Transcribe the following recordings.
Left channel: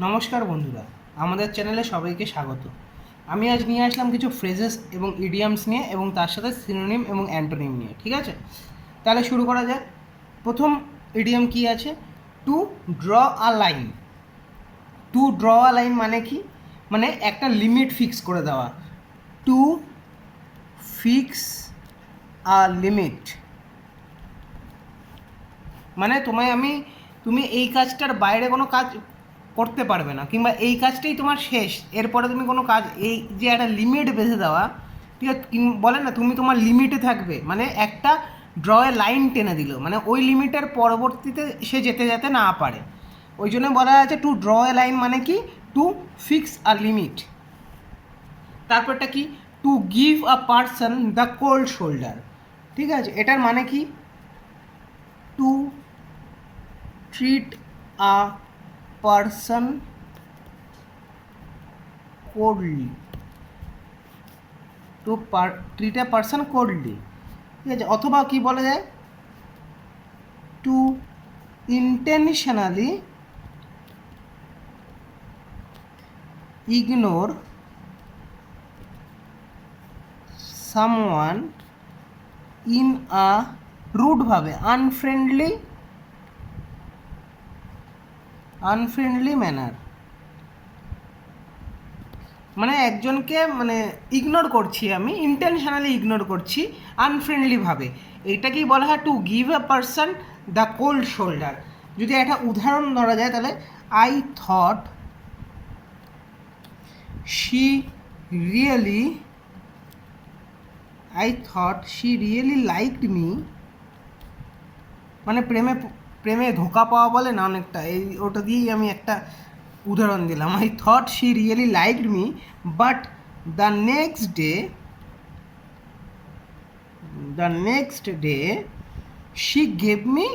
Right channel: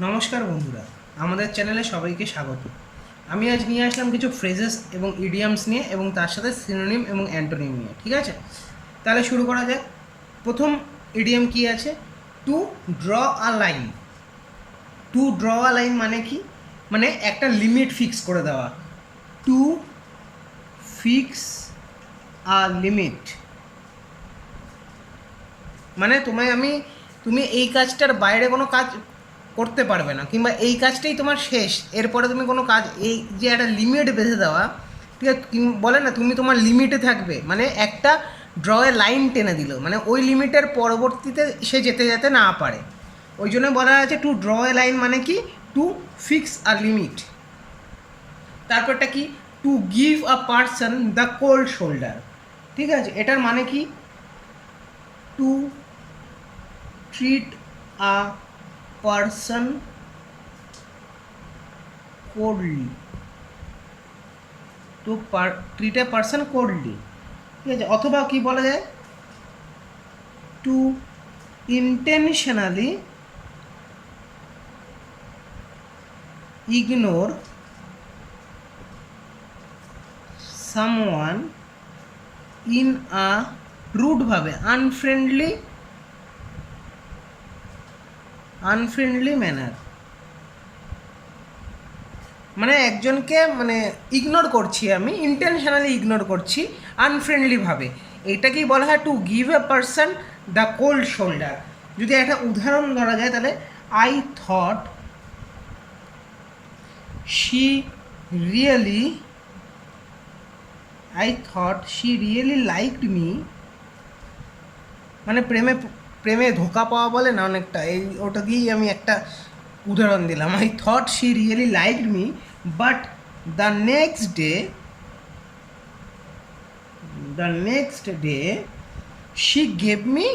নমস্কার বন্ধুরা, আমাদের চ্যানেলে সবাইকে স্বাগত। আমি আজ নিয়ে আসলাম কিছু ফ্রেজেস এবং ইডিয়ামস নিয়ে এবং তার সাথে সিনোনিম এবং অ্যান্টোনিম নিয়ে। ঠিক আছে, তাহলে শুরু করা যাক। প্রথম ইডিয়াম কি আছে? টু ড্র আ লাইন। টু ড্র আ লাইন মানে কি? মানে একটা লিমিট ফিক্স করে দেওয়া। টু ফিক্স আ লিমিট মানে তুমি এই কাজটার বাইরে কোনো কাজ করতে পারবে না, কিংবা এই কাজটাই তোমার শেষ, এরপরে তুমি কোনো কাজ, এই যে একটা লিমিট বেঁধে দেওয়া। ঠিক আছে, বলে না তুমি তোমার লিমিটে থাকবে, মানে একটা ড্রয়ে লাইন টেনে দিল, মানে ওই লিমিটের পরবর্তীতে সে যেতে যেতে না পারে। ওই জন্য বলা আছে টু ড্র এ লাইন মানে কি? To fix a limit. তারপরটা কি? To give a person the cold shoulder. ঠিক আছে, এটার মানে কি? টু treat a person coldly, to treat a person coldly। ঠিক আছে, অথবা কি বলা যায়? To intentionally ignore someone in a rude ভাবে, আনফ্রেন্ডলি ম্যানার। মানে একজনকে ইগনোর করছি, আমি ইন্টেনশনালি ইগনোর করছি আনফ্রেন্ডলিভাবে। এটাকেই বলা হয় to give a person the cold shoulder. যদি একটা উদাহরণ ধরা যায় তাহলে I thought she really liked me. মানে প্রেমে ধোকা পাওয়া বলে না অনেকটা, ওটা দিয়েই আমি একটা উদাহরণ দিলাম। I thought she really liked me, but the next day she gave me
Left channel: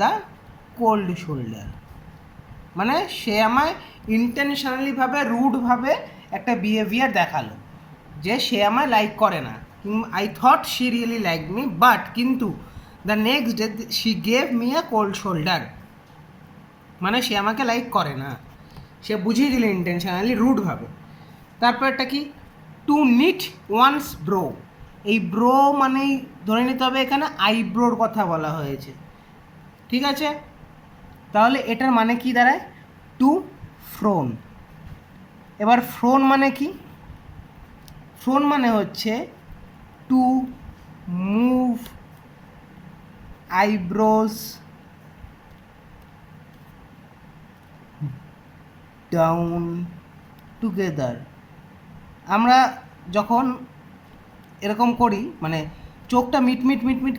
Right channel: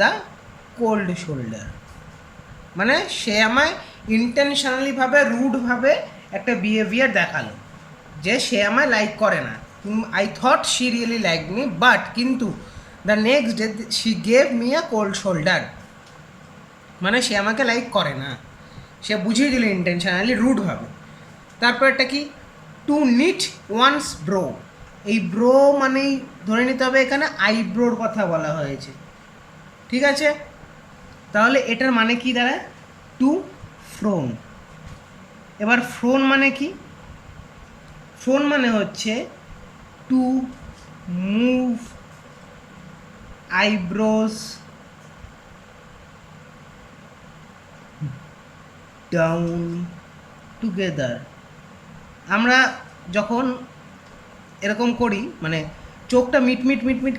the cold shoulder. মানে সে আমায় ইন্টেনশনালিভাবে, রুডভাবে একটা বিহেভিয়ার দেখালো যে সে আমায় লাইক করে না। I thought she really like me, but কিন্তু the next day she gave me a cold shoulder. মানে সে আমাকে লাইক করে না, সে বুঝিয়ে দিল ইন্টেনশনালি, রুডভাবে। তারপর একটা কি? To knit one's brow. এই ব্রো মানেই ধরে নিতে হবে এখানে আইব্রোর কথা বলা হয়েছে। ঠিক আছে, তাহলে এটার মানে কি দাঁড়ায়? টু ফ্রোন। এবার ফ্রোন মানে কি? ফ্রোন মানে হচ্ছে to move eyebrows down together. আমরা যখন এরকম করি, মানে চোখটা মিট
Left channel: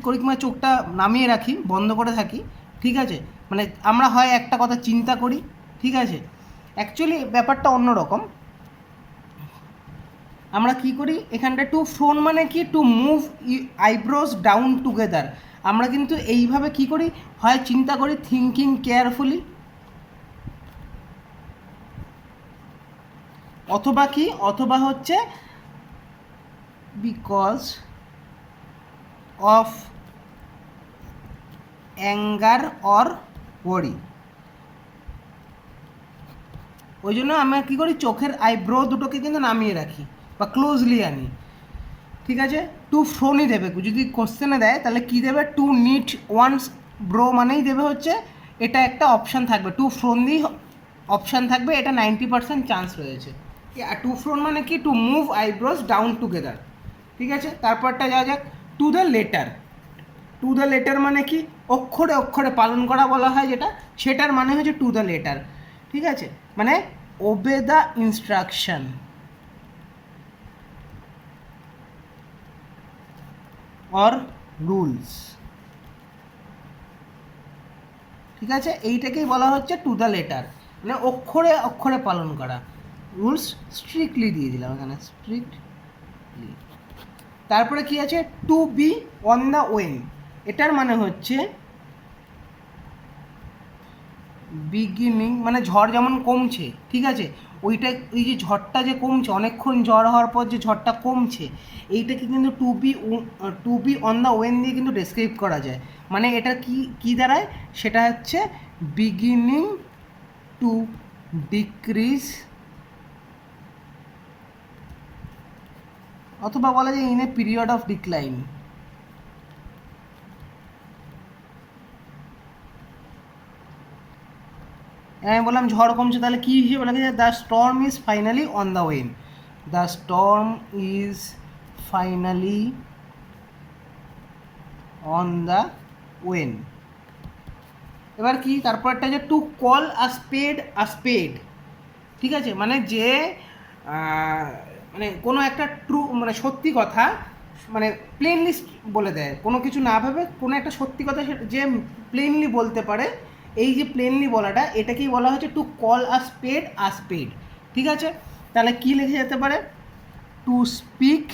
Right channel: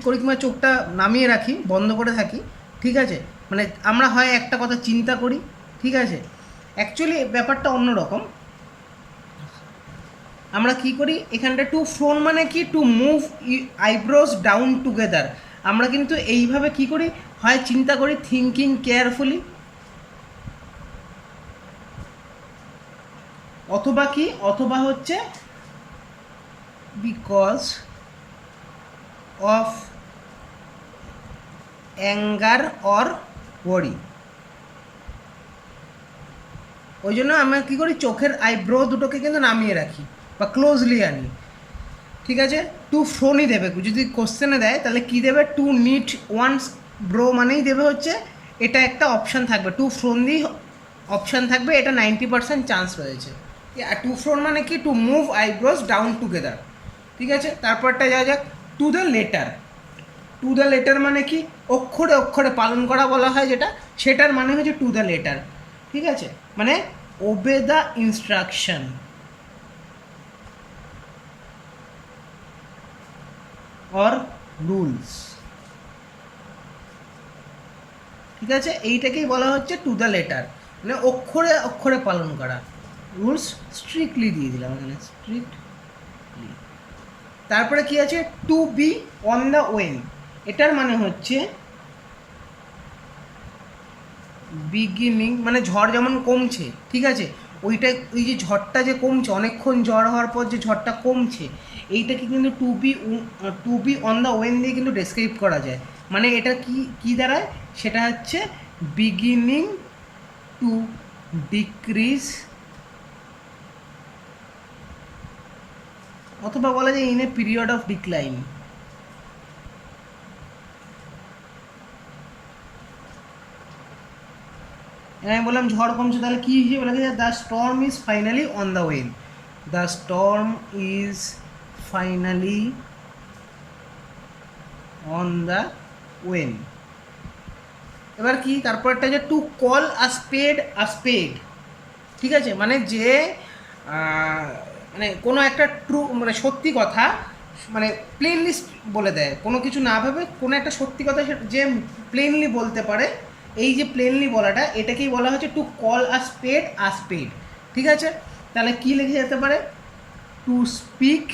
করি, কিংবা চোখটা নামিয়ে রাখি, বন্ধ করে থাকি। ঠিক আছে, মানে আমরা হয় একটা কথা চিন্তা করি। ঠিক আছে, অ্যাকচুয়ালি ব্যাপারটা অন্যরকম। আমরা কি করি এখানটা? টু ফ্রোন মানে কি? To move eyebrows down together. আমরা কিন্তু এইভাবে কি করি? হয় চিন্তা করি, থিঙ্কিং কেয়ারফুলি, অথবা কি? অথবা হচ্ছে বিকজ অফ অ্যাঙ্গার অর ওয়ারি। ওই জন্য আমরা কী করি? চোখের আইব্রো দুটোকে কিন্তু নামিয়ে রাখি বা ক্লোজলি আনি। ঠিক আছে, টু ফ্রোনই দেবে। যদি কোশ্চেনে দেয় তাহলে কী দেবে? টু নিট ওয়ান্স ব্রো মানেই দেবে হচ্ছে এটা একটা অপশান থাকবে, টু ফ্রোন দিয়েই অপশান থাকবে, এটা 90% চান্স রয়েছে। আর টু ফ্রোন মানে কি? To move eyebrows down together. ঠিক আছে, তারপরটা যাওয়া যাক to the letter. To the letter মানে কি? অক্ষরে অক্ষরে পালন করা বলা হয় যেটা, সেটার মানে হচ্ছে টু দ্য লেটার। ঠিক আছে, মানে ওবে দ্য ইনস্ট্রাকশন অর রুলস। ঠিক আছে, এইটাকেই বলা হচ্ছে টু দ্য লেটার, মানে অক্ষরে অক্ষরে পালন করা। রুলস স্ট্রিক্টলি দিয়ে দিলাম এখানে, স্ট্রিক্ট। তারপরে কি আছে? To be on the wane. এটার মানে হচ্ছে বিগিনিং, মানে ঝড় যেমন কমছে। ঠিক আছে, ওই যে ঝড়টা যে কমছে, অনেকক্ষণ ঝড় হওয়ার পর যে ঝড়টা কমছে, এইটাকে কিন্তু to be on the wane দিয়ে কিন্তু ডেসক্রাইব করা যায়। মানে এটা কি দাঁড়ায়, সেটা হচ্ছে বিগিনিং টু ডিক্রিজ, অথবা বলা যায় in a period of decline. আমি বললাম ঝড় কমছে, তাহলে কী হিসেবে বলা যায়, the storm is finally on the wane, the storm is finally on the wane. এবার কি তারপরটা যে টু কল আ স্পেড আ স্পেড, ঠিক আছে, মানে যে মানে কোনো একটা ট্রু মানে সত্যি কথা মানে প্লেনলি বলে দেয়, কোনো কিছু না ভেবে কোনো একটা সত্যি কথা যে প্লেনলি বলতে পারে, এই যে প্লেনলি বলাটা এটাকেই বলা হচ্ছে টু কল আ স্পেড, ঠিক আছে। তাহলে কি লিখে যেতে পারে, to speak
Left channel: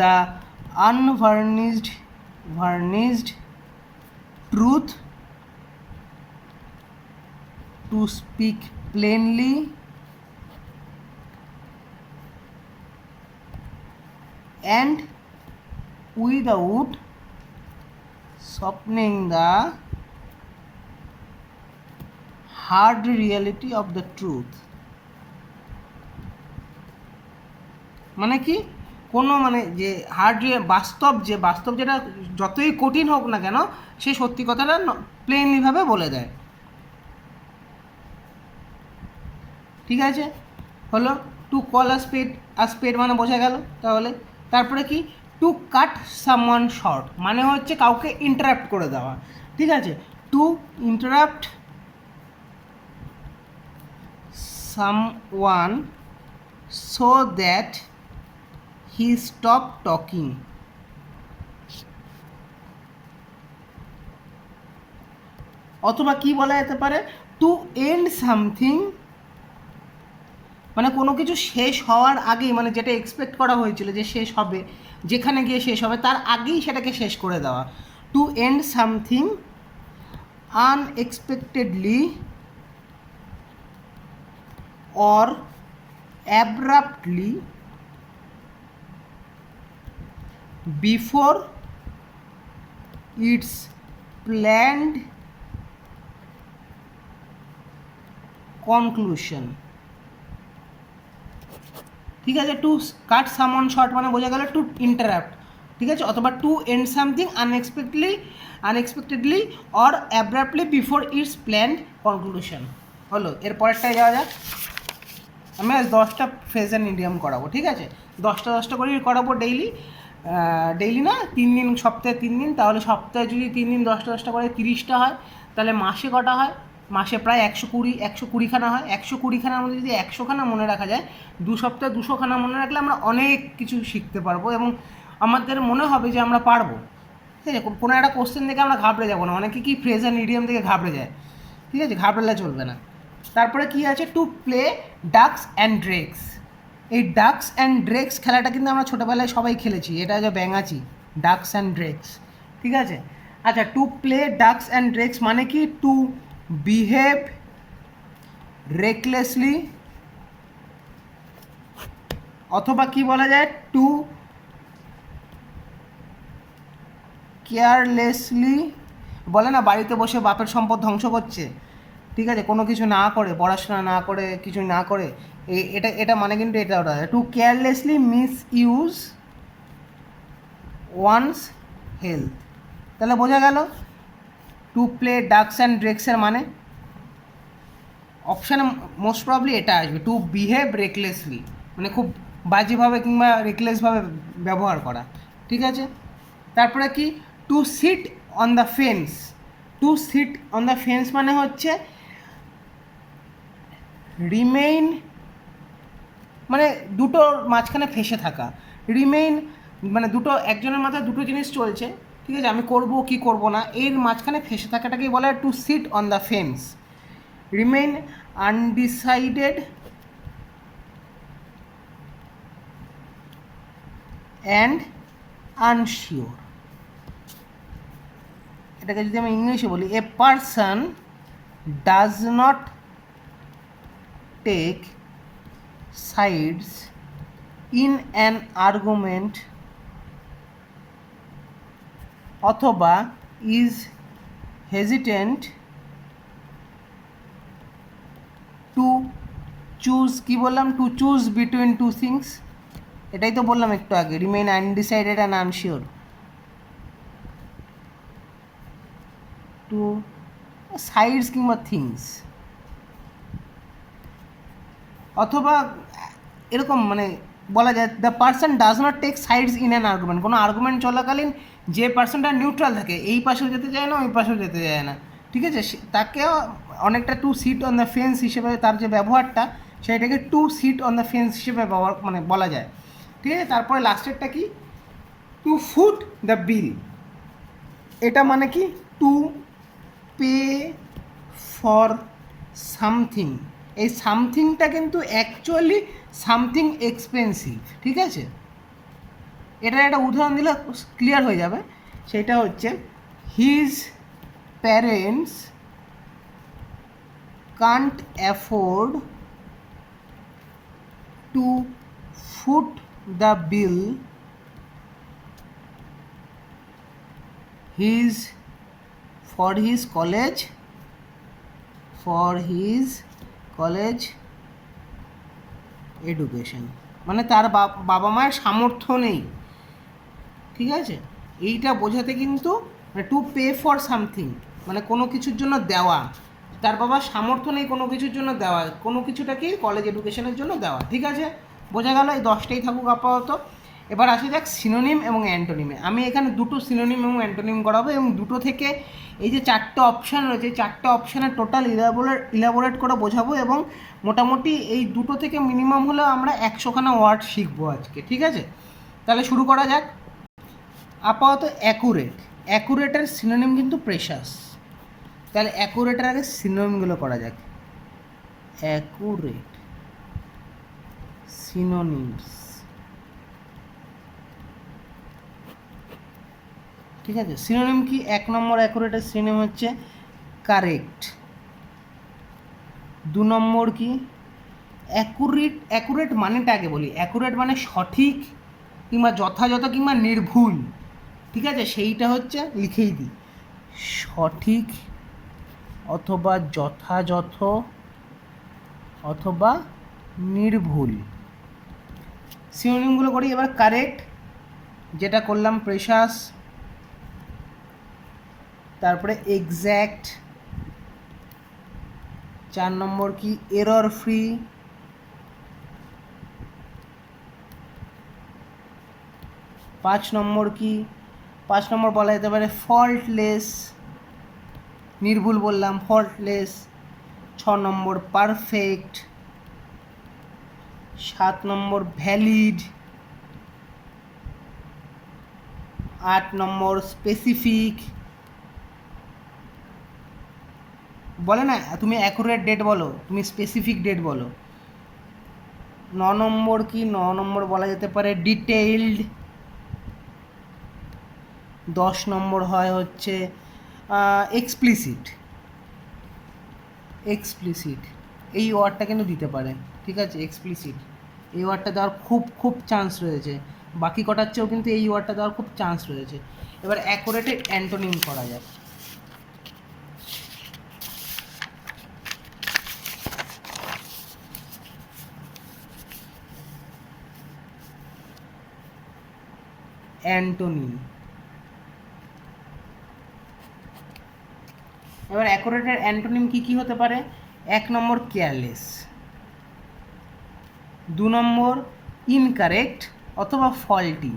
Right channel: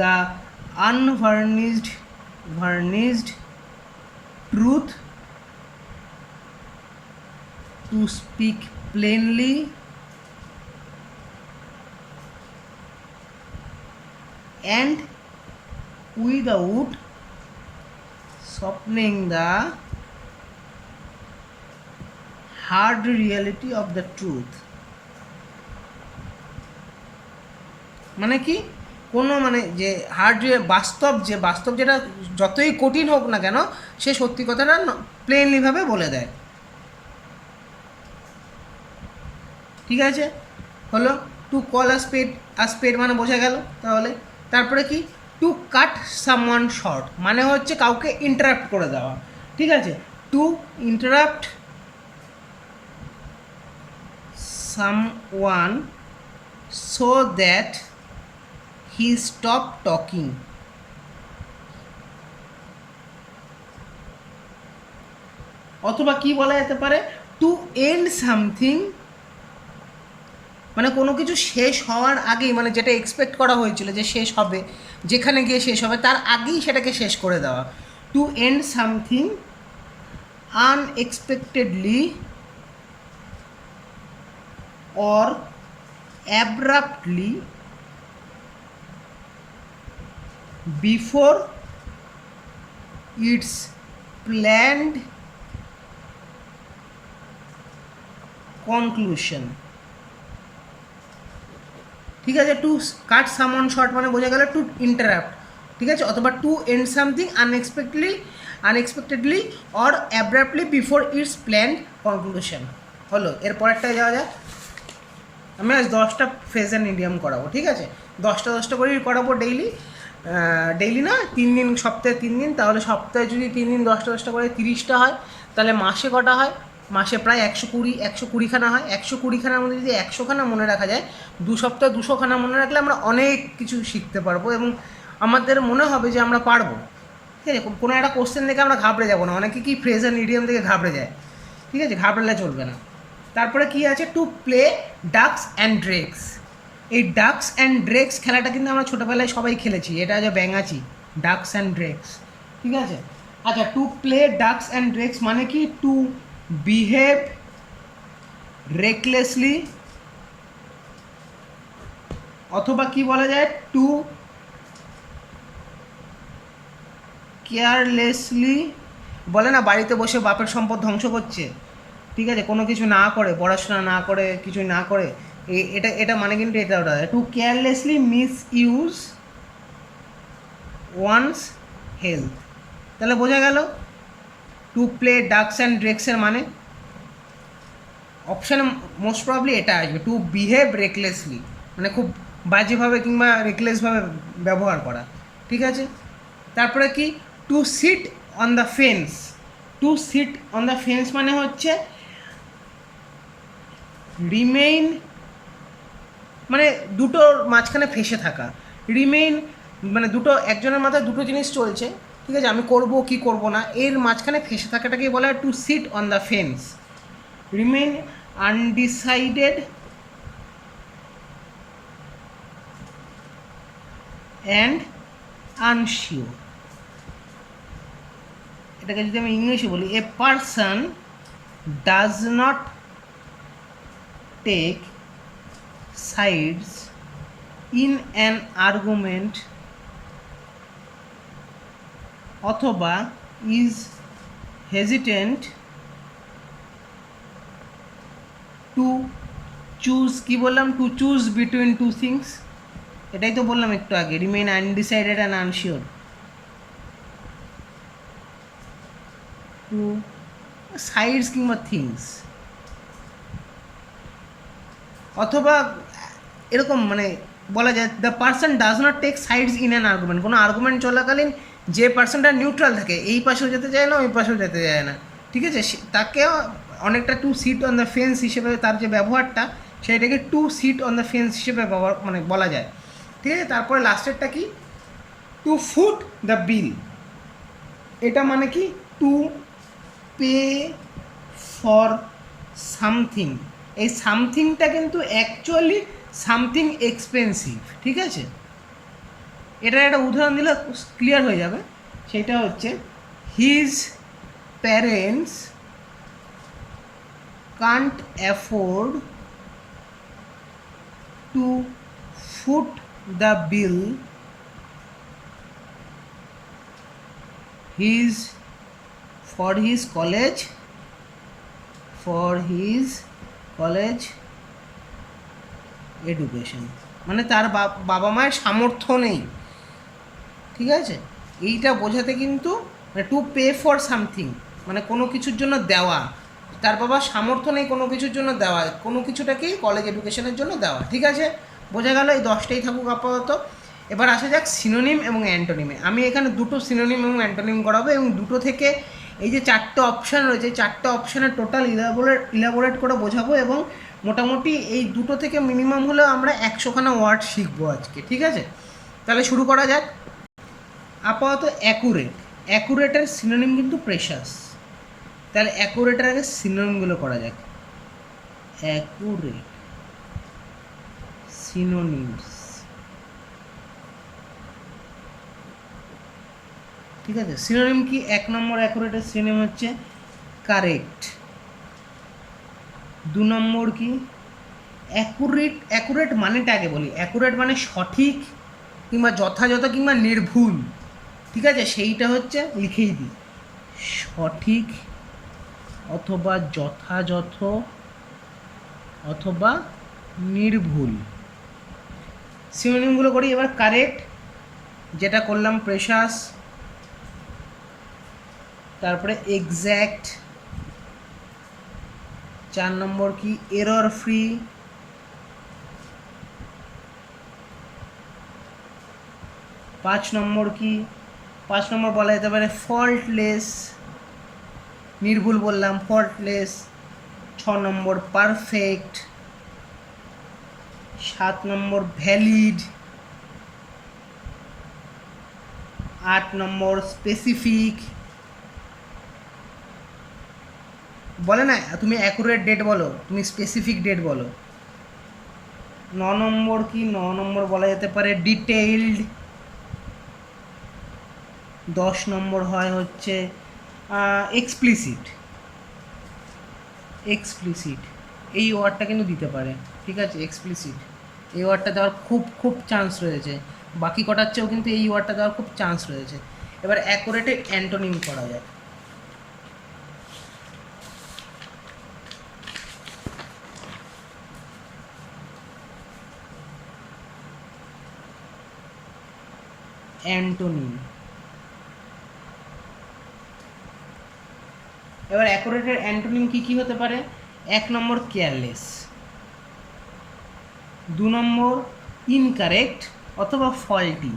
the unvarnished truth, to speak plainly and without softening the hard reality of the truth। মানে কি, কোনো মানে যে বাস্তব যেটা যতই কঠিন হোক না কেন সে সত্যি কথাটা প্লেনলিভাবে বলে দেয়, ঠিক আছে। হলো টু কল আ স্পেড মানে বোঝা গেল। তাহলে তারপরে কি, টু কাট সামওয়ান শর্ট মানে হচ্ছে কাউকে ইন্টারাপ্ট করে দেওয়া, ঠিক আছে। To interrupt someone so that he stop talking, অথবা কি বলা যেতে পারে, টু এন্ড সামথিং মানে কোনো কিছু শেষ হওয়ার আগেই, মানে যেটা এক্সপেক্ট করা হয়েছিল যে শেষ হবে, যেখানে গিয়ে শেষ হবে তার আগেই সেটাকে শেষ করে দেওয়া। To end something unexpectedly or abruptly before its planned conclusion, ঠিক আছে। টু কাট সামওয়ান শর্ট মানে বোঝা গেল টু ইন্টারাপ্ট, ঠিক আছে, অথবা to end something unexpectedly or abruptly before its planned conclusion. হলো, এর পরেরটায় যাওয়া যাক। আমি আজ 10টা ফ্রেজ অ্যান্ড ইডিয়ম করাবো, ঠিক আছে, 10টা করেই করাবো ডেইলি না 3 দিন, সপ্তাহে 3 দিন, তাহলে সপ্তাহে যদি 3 দিন 10টা করে 30টা হয়, তাহলে মাসে কটা হয়, মাসে প্রায় 120খানা হয়। 120খানার মধ্যে যদি 100খানা মনে রাখা যায়, 2 সপ্তাহে 200খানা মনে রাখলে আমরা অনেক কিছু শিখতে পারবো এবং আমাদের মনে হবে যে আমরা পারবো, ঠিক আছে। কোনো একটা কোশ্চেন দেখে আমরা ঘাবড়ে যাবো না, অনেকে কি ফ্রেজ অ্যান্ড ইডিয়ম থেকে ঘাবড়ে যায়, ঠিক আছে, ঘাবড়ালে চলবে না। তারপরে কি আছে, টু প্লে ডাকস অ্যান্ড ড্রেকস। এই ডাকস অ্যান্ড ড্রেকস খেলাটা কিন্তু আমরা ছোটোবেলায় সবাই খেলেছি, এটা যে ব্যাঙাচি, ডাকস অ্যান্ড ড্রেকস, ঠিক আছে। আচ্ছা, টু প্লে ডাকস অ্যান্ড ড্রেকস মানে কি, টু বিহেভ রেকলেসলি, অথবা কি বলা যায়, টু কেয়ারলেসলি, বলে না বাড়িতে বসে বাপের সম্পদ ধ্বংস করছে, ঠিক আছে, কোনো কিছু না করে, পড়াশোনা না করে, কিছু না করে, এটা মানে কিন্তু এটা ওটা, to carelessly misuse one's health. তাহলে বোঝা গেল টু প্লে ডাকস অ্যান্ড ড্রেকসের মানে অপশানে মোস্ট প্রবলি এটা আসবে, টু বিহেভ রেকলেসলি মানে খুব বাজেভাবে কিংবা রেকলেসভাবে ব্যবহার করা, ঠিক আছে। তারপরে কি, to sit on the fence. To sit on the fence মানে হচ্ছে রিমেইন, মানে দুটোর মাঝখানে ফেসে থাকা, রিমেইন মানে দুটো, একজনের মাথায় দুটো জিনিস চলছে, ঠিক আছে, আমি করব কি করব না, এর মাঝখানে ফেসে থাকাটাকেই বলা হয় to sit on the fence. Remain undecided and unsure. এটাকে যদি আমি ইংলিশে বলি, a person does not take sides in an argument অথবা ইজ হেজিটেন্ট টু চুজ, কি বললাম, to choose between two things, এটাই তো বললাম একটু আগে, remain undecided and unsure, two sides কিংবা থিংস, অথবা এরকম মানে বলা যায় the person does not take sides in an argument, কোনো আর্গুমেন্ট চলাকালীন যে পার্সনটা নিউট্রাল থাকে, এই পাশেও যেতে চায় না ওই পাশেও যেতে চায় না, ঠিক আছে, তাকে অনেকটা to sit on the fence হিসেবে তার যে ব্যবহারটা সেটাকে to sit on the fence হিসেবে ব্যবহার মানে বলা যায়, ঠিক আছে। তারপরে লাস্টেরটা কি, টু ফুট দ্য বিল, এটা মানে কি টু পে ফর সামথিং, এই সামথিংটা কিন্তু অ্যাকচুয়ালি সামথিং এক্সপেন্সিভ, ঠিক আছে। এটার একটা উদাহরণ দিলে ক্লিয়ার হয়ে যাবে, সেটা হচ্ছে his parents Kant afford to foot the bill his for his college education, মানে তার বাবা মায়ের সামর্থ্য নেই, ঠিক আছে। এইটা বোঝাতে কিন্তু টু পে ফর সামথিং মানে কোনো কিছুর জন্য দেওয়া, তার বাবার সামর্থ্য নেই কোনো কিছুর জন্য দেওয়া, কোনো কিছুটাকে কলেজ এডুকেশনের জন্য দেওয়া, ঠিক আছে, বোঝা গেল। এই 10টাই থাকুক আপাতত। এবার আসা যাক সিনোনিম এবং অ্যান্টোনিমে। আমি এখানে দুটো সিনোনিম এবং অ্যান্টোনিম করাবো এবং দুটো থেকে এই যে 4টে অপশান রয়েছে, 4টে অপশানের টোটাল ইলাবোরেট করে বোঝাবো এবং মোটামুটি এই দুটো থেকে মিনিমাম হলেও আমরা 100খানা ওয়ার্ড শিখবো আজকে, ঠিক আছে। তাহলে শুরু করা যাক। আপাতত অ্যাকুরেটের সিনোনিম কিন্তু প্রেশাস, তাহলে অ্যাকুরেটের আগে সিনোনিমগুলো করা যাক। অ্যাকুরেট সিনোনিমস, ঠিক আছে। সিনোনিম কি, 1 নম্বর অ্যাকুরেটের সিনোনিম হচ্ছে কারেক্ট। 2 নম্বর কি, অ্যাকুরেট মানেটা আগে বলি, অ্যাকুরেট মানে সঠিক কিংবা যথাযথ কিংবা নির্ভুল, ঠিক আছে, সেইটা হচ্ছে লিখেই দিই, সঠিক অথবা যথাযথ অথবা নির্ভুল। সিনোনিমগুলো করি এবার। কারেক্ট যেটা করলাম প্রেশাস, তারপরে এক্স্যাক্ট, 4 নম্বর কি এরর ফ্রি, 5 নম্বর কি, 5 নম্বর বলা যেতে পারে ফল্টলেস, নির্ভুল বললাম ফল্টলেস। 6 নম্বর পারফেক্ট, 7 নম্বর ভ্যালিড, 8 নম্বর স্পেসিফিক। বলে না তুমি অ্যাকুরেট ডেট বলো, তুমি স্পেসিফিক ডেট বলো। 9 নম্বর কি, 9 নম্বর বলা যেতে পারে ডিটেইলড। 10 নম্বর হয় হচ্ছে এক্সপ্লিসিট, এই ওয়ার্ডটা কিন্তু দিতে পারে, ঠিক আছে, এক্সপ্লিসিট এই ওয়ার্ডটা দেওয়ার খুব চান্স রয়েছে, বাকি কটার চেয়েও কিন্তু এই ওয়ার্ডটা দেওয়ার খুব চান্স রয়েছে। এবার অ্যাকুরেটে অ্যান্টোনিম করা যায়। অ্যান্টোনিম, এবার অ্যাকুরেটের অ্যান্টোনিম কী কী হতে পারে? 1 নম্বর কেয়ারলেস, 2 নম্বর ইনকারেক্ট অথবা ফল্টি,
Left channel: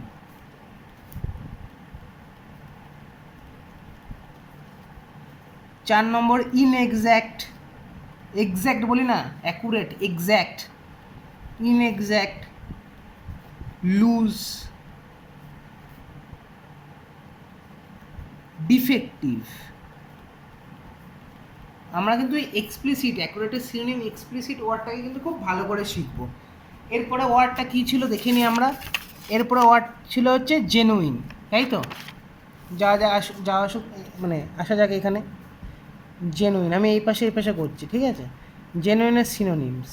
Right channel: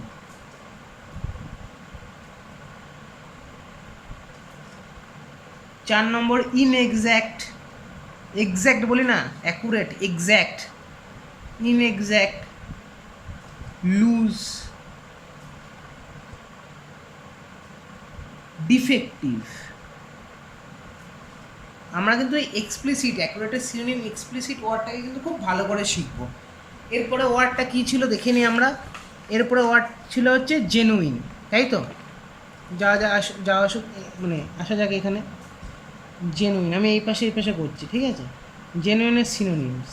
4 নম্বর ইনএক্স্যাক্ট, এক্স্যাক্ট বলি না অ্যাকুরেট, এক্স্যাক্ট, ইনএক্স্যাক্ট, লুজ, ডিফেক্টিভ। আমরা কিন্তু এক্সপ্লিসিট, অ্যাকুরেটের সিনোনিম এক্সপ্লিসিট ওয়ার্ডটাকে কিন্তু খুব ভালো করে শিখব। এরপরে ওয়ার্ডটা কী ছিল দেখে নিই আমরা। এরপরে ওয়ার্ড ছিল হচ্ছে জেনুইন, তাই তো, যা আসুক মানে আসা যাক এখানে। জেনুইন আমি এই পাশে করছি, ঠিক আছে। জেনুইনের সিনোনিমস,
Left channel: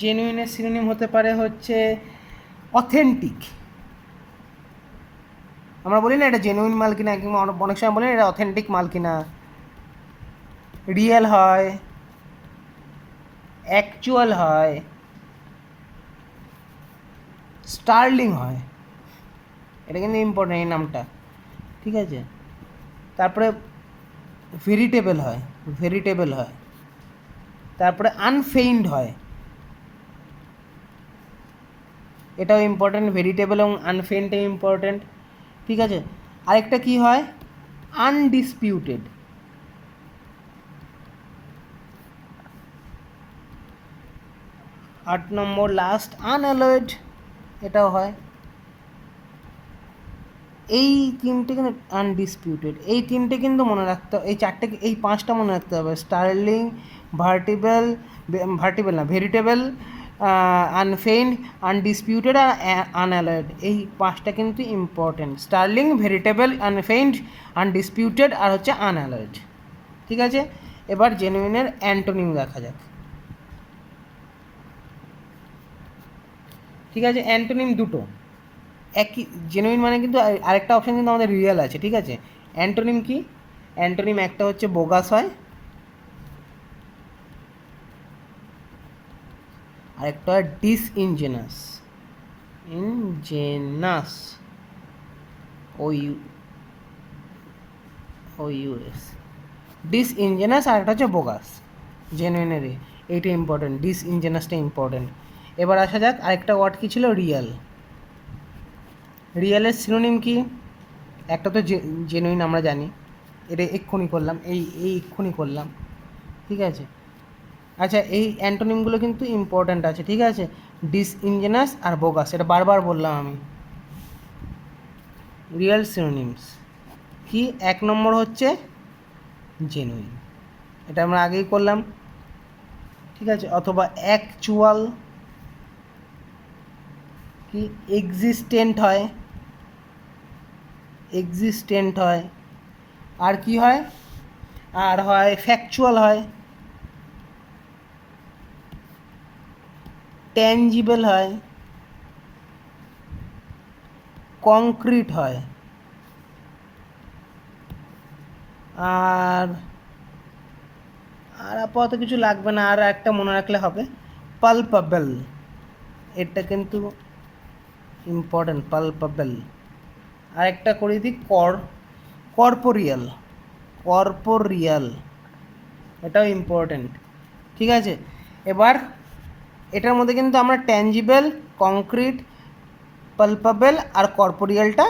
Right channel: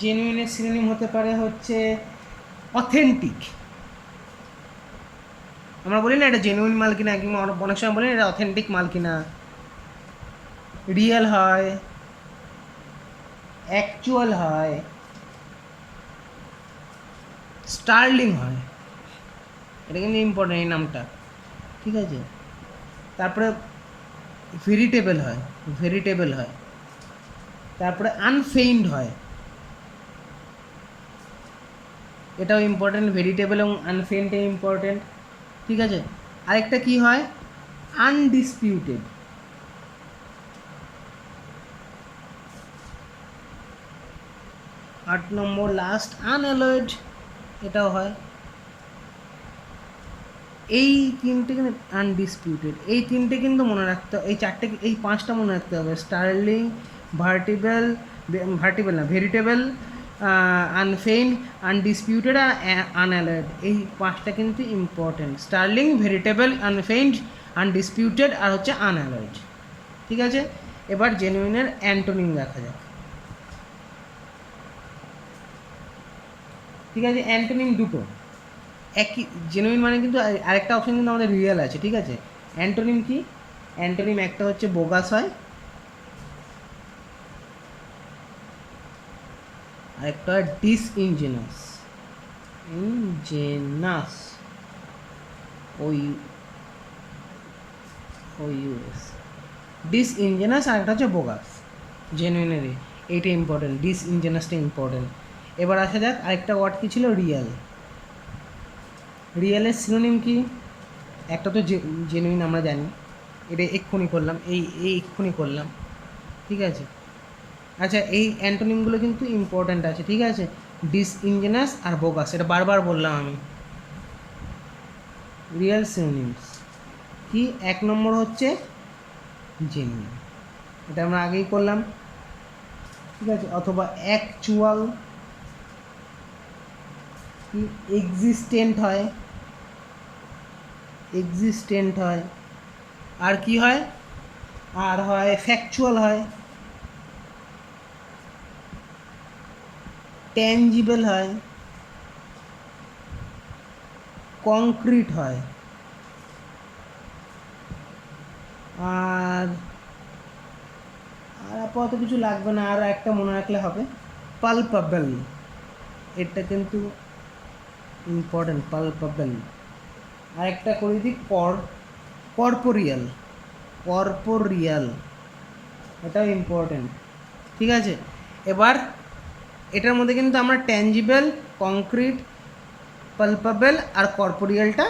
জেনুইনের সিনোনিম হতে পারে হচ্ছে অথেন্টিক, আমরা বলি না এটা জেনুইন মাল কিনা, কিংবা অনেক সময় বলি না এটা অথেন্টিক মাল কিনা। রিয়েল হয়, অ্যাকচুয়াল হয়, স্টার্লিং হয়, এটা কিন্তু ইম্পর্টেন্ট এই নামটা, ঠিক আছে। তারপরে ভেরিটেবল হয়, ভেরিটেবল হয়, তারপরে আনফেইন্ড হয়, এটাও ইম্পর্টেন্ট, ভেরিটেবল এবং আনফেইন্ডটাই ইম্পর্টেন্ট, ঠিক আছে। আরেকটা কি হয়, আনডিসপিউটেড। 8 নম্বর লাস্ট আনঅ্যালয়েড, এটাও হয়। এই তিনটে কিন্তু আনডিসপিউটেড, এই তিনটে কিন্তু মনে রাখতে, এই চারটে, এই পাঁচটা মনে রাখতে হবে। স্টার্লিং, ভার্টিবল, ভার্টিবল না, ভেরিটেবল, আনফেইন্ড, আনডিসপিউটেড আর আনঅ্যালয়েড, এই পাঁচটা কিন্তু ইম্পর্টেন্ট। স্টার্লিং, ভেরিটেবল, আনফেইন্ড, আনডিসপিউটেড আর হচ্ছে আনঅ্যালয়েড, ঠিক আছে। এবার জেনুইনের অ্যান্টোনিম দেখা যাক, ঠিক আছে। অ্যান্টোনিম দুটো, একই। জেনুইন মানে কিন্তু আরেকটা অপশান কিন্তু আমাদের রিয়েল আছে, ঠিক আছে। অ্যান্টোনিম কি? অ্যান্টোনিম একটা হচ্ছে বোগাস হয়, আরেকটা হয় ডিসইনজেনাস, ইনজেনাস, OUS, ডিসইনজেনাস, আর একটা হচ্ছে বোগাস। জেনুইনের এইটা ইম্পর্টেন্ট, ডিসইনজেনাসটা ইম্পর্টেন্ট। এবার আসা যাক আরেকটা ওয়ার্ড কী ছিল, রিয়েল। রিয়েলের সিনোনিম কি? একটা তো জেনুইন আমরা জানি, এটা এক্ষুনি করলাম, এই এক্ষুনি করলাম, ঠিক আছে। আচ্ছা, এই অ্যান্টোনিমগুলো কিন্তু ইম্পর্ট্যান্ট আছে, ঠিক আছে। ডিসইনজেনাস আর বোগাস, এটা বারবার বললাম আমি। রিয়েল সিনোনিমস কি? 1 নম্বর হচ্ছে জেনুইন, এটা আমরা আগেই করলাম, ঠিক আছে। অথবা অ্যাকচুয়াল, কি? এক্সিস্টেন্ট হয়, এক্সিস্টেন্ট হয়, আর কি হয়, আর হয় ফ্যাকচুয়াল হয়, ট্যাঞ্জিবল হয়, কংক্রিট হয়, আর আপাতত কিছু লাগবে না, আর একটা মনে রাখলে হবে, পালপাবল, এটা কিন্তু ইম্পর্টেন্ট, পালপাবল। আর একটা করে দিই, কর্পোরিয়াল, কর্পোরিয়াল, এটাও ইম্পর্টেন্ট, ঠিক আছে। এবার এটার মধ্যে কিন্তু আমরা ট্যাঞ্জিবল, কংক্রিট, পালপাবল আর কর্পোরিয়ালটা,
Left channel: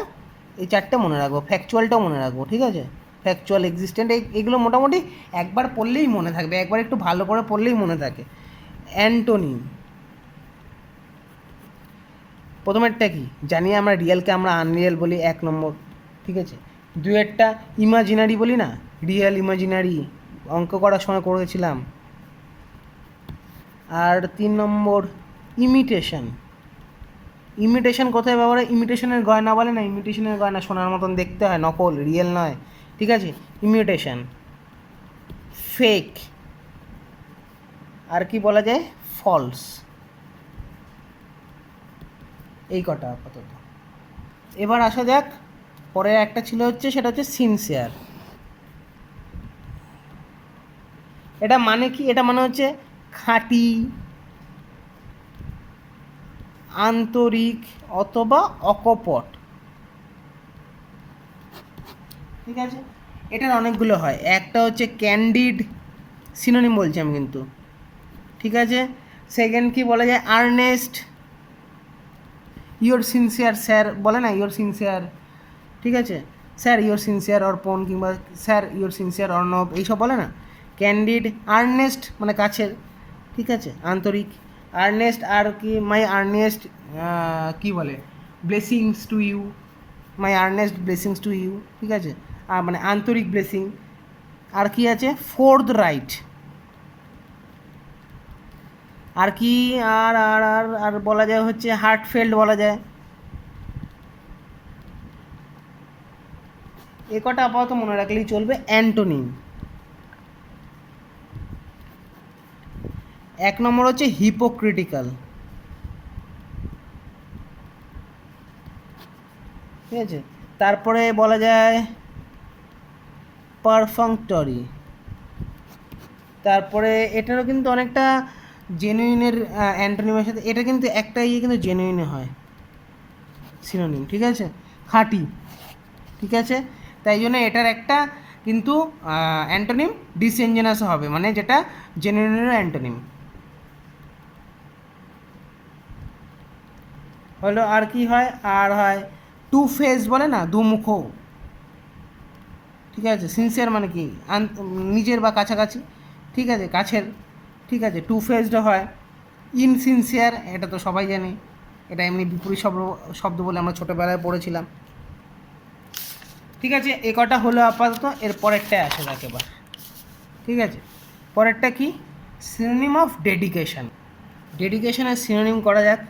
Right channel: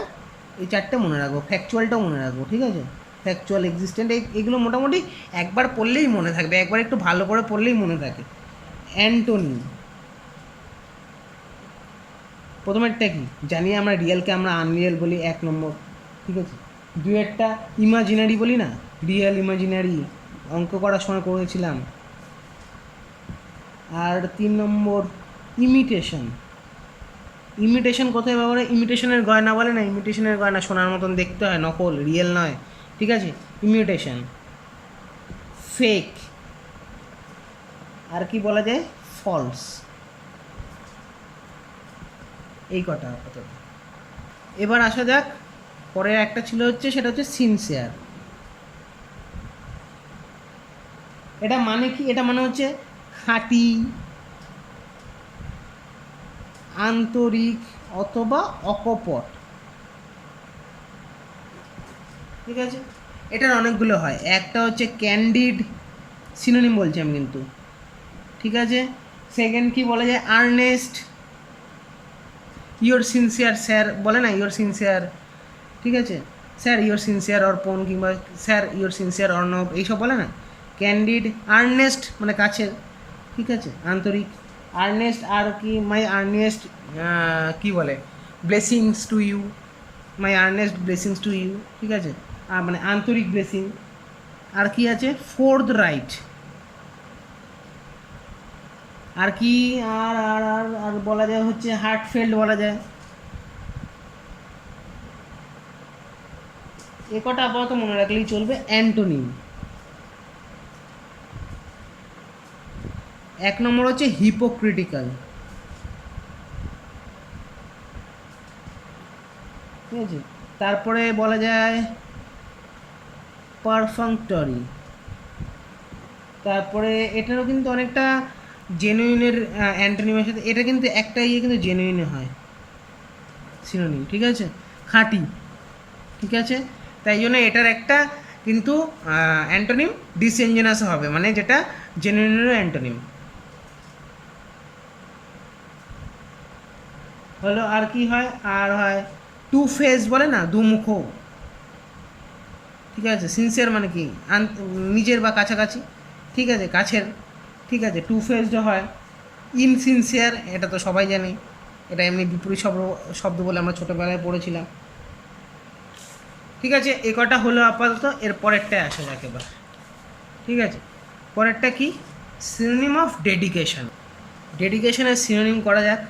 এই চারটে মনে রাখবো, ফ্যাকচুয়ালটাও মনে রাখবো, ঠিক আছে। ফ্যাকচুয়াল, এক্সিস্টেন্ট, এইগুলো মোটামুটি একবার পড়লেই মনে থাকবে, একবার একটু ভালো করে পড়লেই মনে থাকে। অ্যান্টোনিম, প্রথমেরটা কি জানি আমরা, রিয়েলকে আমরা আনরিয়েল বলি 1 নম্বর, ঠিক আছে। দুয়েরটা ইমাজিনারি বলি না, রিয়েল ইমাজিনারি, অঙ্ক করার সময় করেছিলাম। আর 3 নম্বর ইমিটেশন, ইমিটেশন কোথায় ব্যবহার হয়? ইমিটেশনের গয়না বলে না, ইমিটেশনের গয়না সোনার মতন দেখতে হয়, নকল, রিয়েল নয়, ঠিক আছে। ইমিটেশন, ফেক, আর কি বলা যায়, ফলস, এই কটা আপাতত। এবার আসা যাক পরে একটা ছিল হচ্ছে, সেটা হচ্ছে সিনসিয়ার। এটা মানে কি? এটা মানে হচ্ছে খাঁটি, আন্তরিক অথবা অকপট, ঠিক আছে। এটার অনেকগুলো হয়, একটা হচ্ছে ক্যান্ডিড, সিনোনিম বলছি আমি কিন্তু, ঠিক আছে। সেকেন্ড কি বলা যায়, আর্নেস্ট, ইয়োর সিনসিয়ার স্যার বলে না, ইয়োর সিনসিয়ার, ঠিক আছে। স্যার ইয়োর সিনসিয়ার অর্পণ, কিংবা স্যার ইয়োর সিনসিয়ার অর্ণব, এইসব বলে না। ক্যান্ডিড, আর্নেস্ট মানে কাছে, ঠিক আছে, আন্তরিক। আর্নেস্ট, আর কি, মাই আর্নেস্ট, কী বলে, blessings to you, my earnest blessings to you, ঠিক আছে, আর মানে আন্তরিক ব্লেসিং। আর কি আছে, ফোর্থ রাইট, আর কি, আর আর আর আর বলা যায় হচ্ছে হার্টফেল্ড বলা যায়। এ কটা আপাতত মনে রাখলেই চলবে। অ্যান্টোনিম, 1 নম্বর হচ্ছে হিপোক্রিটিক্যাল, ঠিক আছে। তারপরে বলা যায় পারফাংটরি। তারপরে এটারও কিন্তু অনেকটা জেনুইনের অ্যান্টোনিমের সাথে এটা কিন্তু একটা ইয়ে কিন্তু জেনুইন হয় সিনোনিম, ঠিক আছে, খাঁটি, ঠিক আছে। তাই জন্য এটার একটা কিন্তু অ্যান্টোনিম ডিসইনজেনাস হবে, মানে যেটা জেনুইনের অ্যান্টোনিম হলো। আর কি হয়, আর হয় টু ফেস, বলে না দুমুখ, ঠিক আছে। সিনসিয়ার মানে কি নিজের বা কাছাকাছি, ঠিক আছে, কাছের, ঠিক আছে। টু ফেসড হয়। ইনসিনসিয়ার, এটা তো সবাই জানে, এটা এমনি বিপরীত শব্দ বলে আমরা ছোটোবেলায় পড়েছিলাম, ঠিক আছে। এ কটা হলো আপাতত। এর পরেরটায় আসে যাক এবার, ঠিক আছে। পরেরটা কি, সিনোনিম অফ ডেডিকেশন। ডেডিকেশনের সিনোনিম করা যাক।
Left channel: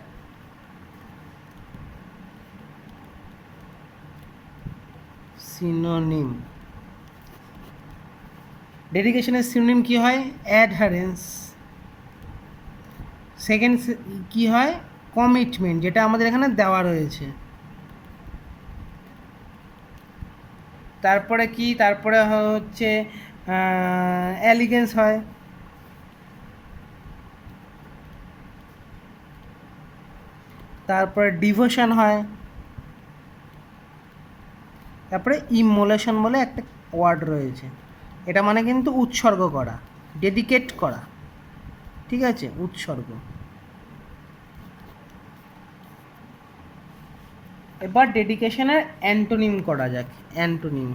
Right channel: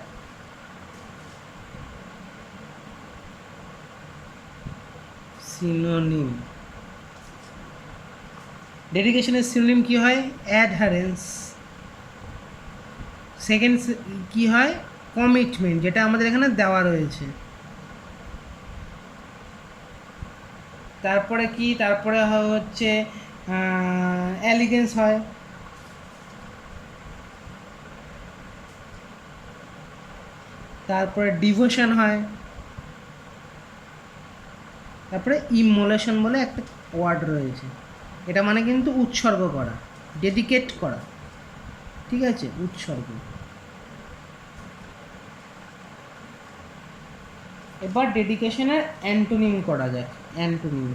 সিনোনিম, ডেডিকেশনের সিনোনিম কি হয়, অ্যাডহারেন্স। সেকেন্ড কি হয়, কমিটমেন্ট, যেটা আমাদের এখানে দেওয়া রয়েছে। তারপরে কি, তারপরে হচ্ছে এলিগেন্স হয়। তারপরে ডিভোশন হয়। তারপরে ইমোলেশন বলে একটা ওয়ার্ড রয়েছে, এটা মানে কিন্তু উৎসর্গ করা, ডেডিকেট করা, ঠিক আছে, উৎসর্গ। এবার ডেডিকেশনের অ্যান্টোনিম করা যাক। অ্যান্টোনিম,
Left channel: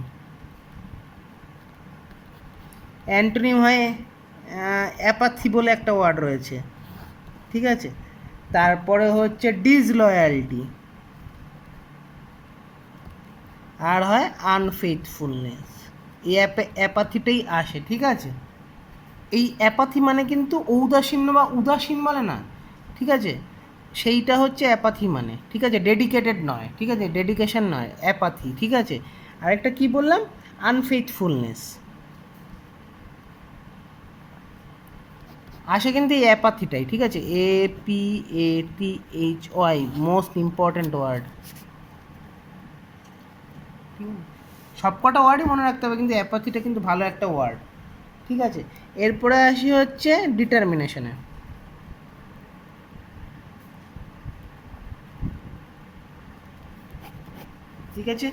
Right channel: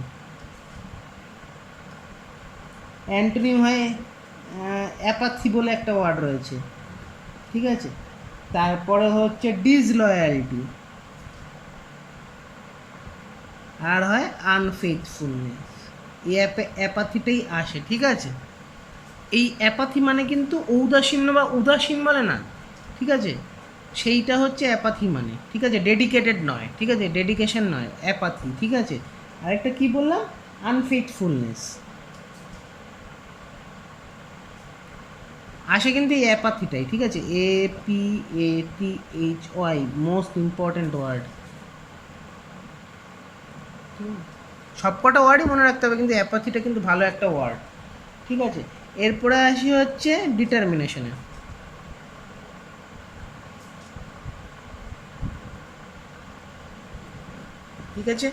অ্যান্টোনিম হয় অ্যাপাথি বলে একটা ওয়ার্ড রয়েছে, ঠিক আছে। তারপরে হচ্ছে ডিসলয়ালিটি, আর হয় আনফেথফুলনেস। এই অ্যাপাথিটাই আসে, ঠিক আছে। এই অ্যাপাথি মানে কিন্তু ঔদাসীন্য বা উদাসীন বলে না, ঠিক আছে, সেইটা হচ্ছে অ্যাপাথি মানে, ঠিক আছে, ডেডিকেটেড নয়, ঠিক আছে, ডেডিকেশন নয়, অ্যাপাথি, ঠিক আছে। আরেকটা কি বললাম, আনফেথফুলনেস আসে কিন্তু এই অ্যাপাথিটাই, ঠিক আছে। APATHY, মোস্ট ইম্পর্ট্যান্ট ওয়ার্ড, সবকটা ওয়ার্ডই মনে রাখতে হবে, কিন্তু অ্যাপাথিটা কিন্তু ভালো একটা ওয়ার্ড, ঠিক আছে। এরপরে আসি হচ্ছে ডিটারমিনেশনে। ঠিক আছে,